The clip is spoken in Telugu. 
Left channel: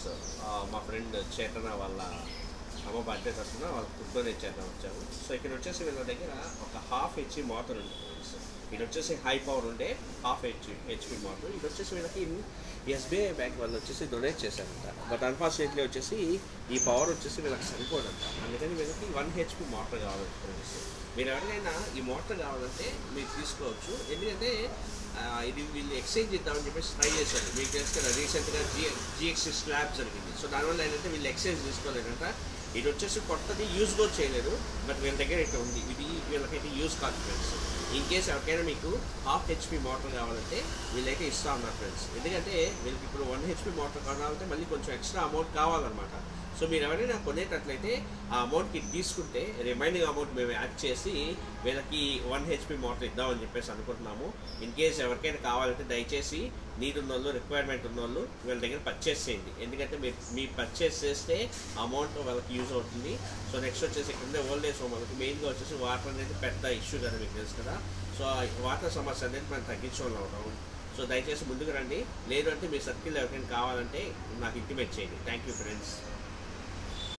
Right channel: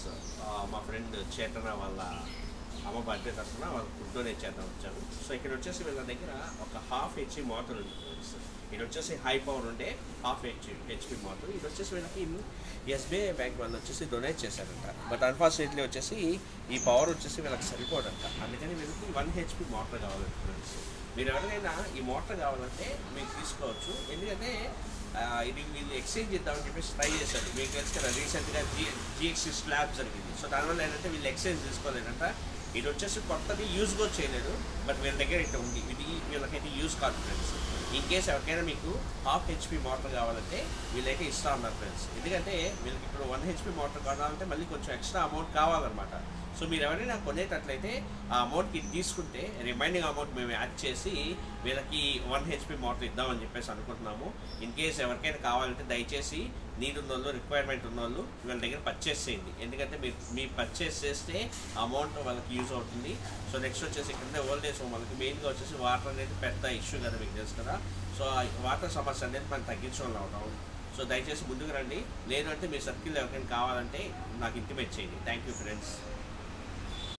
ఫ్రెండ్స్, మా ఫ్రెండ్ చేతన వాళ్ళ అమ్మ బర్త్డే తరఫున వాళ్ళ ఫుడ్ డొనేట్ చేద్దాం వచ్చాము. సో ఇక్కడ వచ్చేసి వీళ్ళ దగ్గర ఒక హాఫ్ హెచ్పి మోటార్ ఉంది ఫ్రెండ్స్. ఇది వచ్చేసి హై పవర్ ఉండే హాఫ్ హెచ్పి మోటార్. ఇది వచ్చేసి వీళ్ళకి ఎస్బీఐ బ్యాంక్ వాళ్ళు వచ్చేసి డొనేట్ చేశారంట. బట్ అన్ఫార్చునేట్లీ వచ్చేసి ఈ పవర్ వచ్చేసి వీళ్ళకి సరిపోదంట. అందుకని వీళ్ళకి 1 హెచ్పి మోటార్ కావాలి ఫ్రెండ్స్. మీరు ఎవరికైనా ఈ మోటార్ కావాలంటే మీరు తీసుకోవచ్చు. ఎందుకంటే ఇది వీళ్ళు ఎక్స్చేంజ్ చేద్దామని చెప్పేసి ట్రై చేశారు. మీకు తెలుసు కదా, రీసెంట్గా జిఎక్సీ స్లాబ్ జరిగింది. సో దానివల్ల ఏంటంటే వీళ్ళు ఎక్స్చేంజ్ తీసుకోలేదంట. ఇది వచ్చేసి కొత్తది యూజ్ కూడా చేయలేదు. బట్ వీళ్ళ దగ్గర ఇట్లా ఉంది. ఇది వీళ్ళకైతే యూజ్ కాదు ఫ్రెండ్స్. ఇన్ కేస్ ఎవరికైనా మీకు హాఫ్ హెచ్పి మోటార్ కావాలంటే వీళ్ళైతే ఇస్తా ఉన్నారు ఫ్రెండ్స్. ఎందుకంటే వీళ్ళకి ఇప్పుడు 1 హెచ్పి మోటార్ కావాలంటే మళ్ళీ కొంచెం ఎక్స్ట్రా అమౌంట్ కావాలన్నమాట. సో మీరు ఎవరైనా కొనేటట్లయితే ఆ అమౌంట్కి తీసుకుంటే రిమైనింగ్ అమౌంట్ మేము యాడ్ చేసి వీళ్ళకి 1 హెచ్పి మోటార్ ఇద్దామని చెప్పేసి అనుకుంటున్నాము. ఇన్ కేస్ ఎవరికైనా కావాలంటే దయచేసి నీడ్ ఉన్న వాళ్ళు, రిక్వైర్మెంట్ ఉన్న వాళ్ళు వీళ్ళ దగ్గర పర్చేస్ చేయండి. ఎందుకంటే మీరు పర్చేస్ చేస్తే అమౌంట్ వాళ్ళకి యూజ్ అవుతుంది. సో నెక్స్ట్ వచ్చేసి ఇక్కడ ఓల్డ్ ఏజ్ హోమ్ వాళ్ళకి మెయిన్గా వచ్చేసి వాటర్ అనేది పెద్ద ఇష్యూ కదా, మీకు తెలుసు కదా. సో వాటర్ సమస్య అనేది మనం తగ్గించుకోవాలి ఉంటాం. సో దయచేసి ముందుకు రండి. లేదంటే మీ సర్కిల్ ఎవరికైనా కావాలంటే నాకు ఇంటిమేట్ చేయండి. Thank you friends.